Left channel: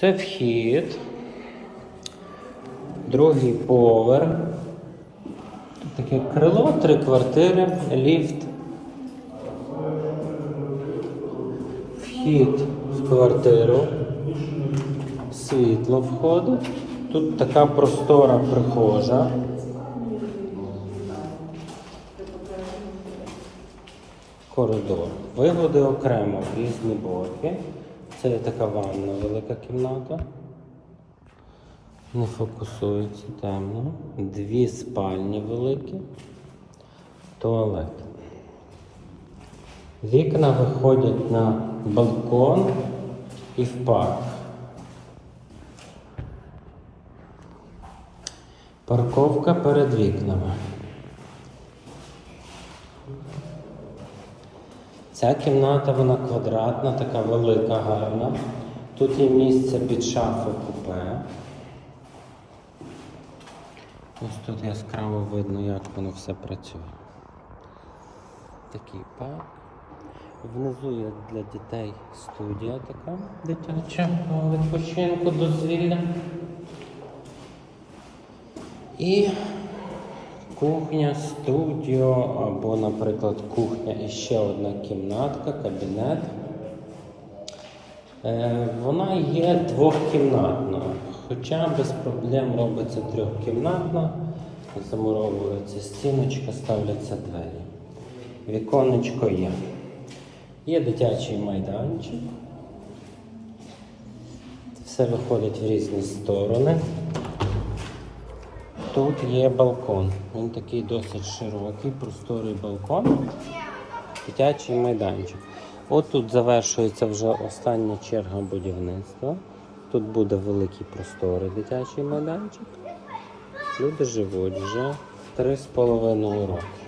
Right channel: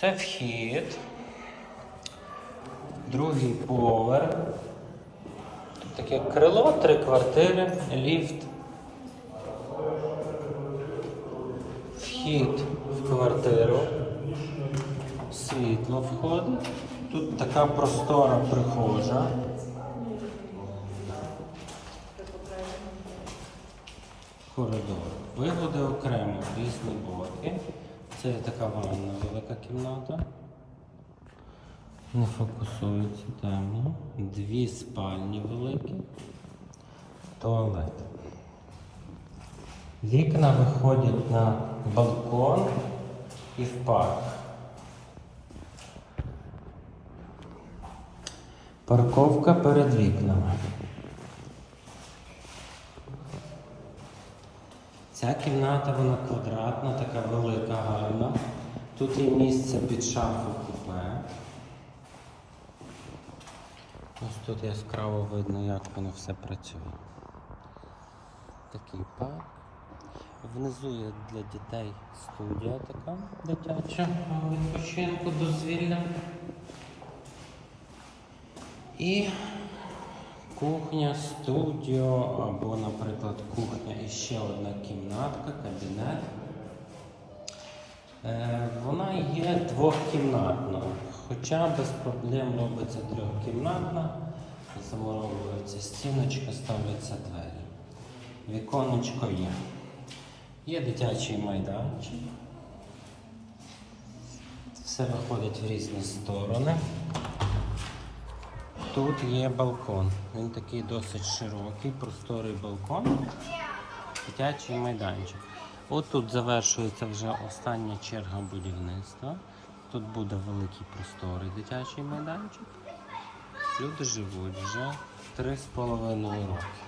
Це вхід. Другий поверх. Тут таке крило, три квартири, ліфт. Вхід в квартиру. Світло входить. Тут така простора прихожа. Коридор. Вигоди окремо в різні боки. Це є така ванна велика кімната. Не фокусується темно. Дві спальні великі. Туалет. Вікна виходять на балкон і в парк. Парковка перед вікнами. Ця кімната вона квадратна, така велика, гарна. Тут є місце під шафу купе. Ось тут яскраво видно, як воно все працює. Такий парк. Внизу є для дітей студія така дитяча відпочинку, дозвілля. І кухня, студіо або, наприклад, кухня і ще одна кімнатка, кабінет. Е, Вона є двохкімнатна, хоча без проблем робиться трьохкімнатна, замуровується стіночка, ставляться двері. Віконечко є. Є дитячий майданчик. Все виходить в різні сторони. Тут є балкон. Він такий досить широкий, просторий балкон. Дитячий майданчик. От тут завершується вже остання черга будівництва. Тут буде великий просторий дитячий майданчик. Люди живуть вже 3,5 роки.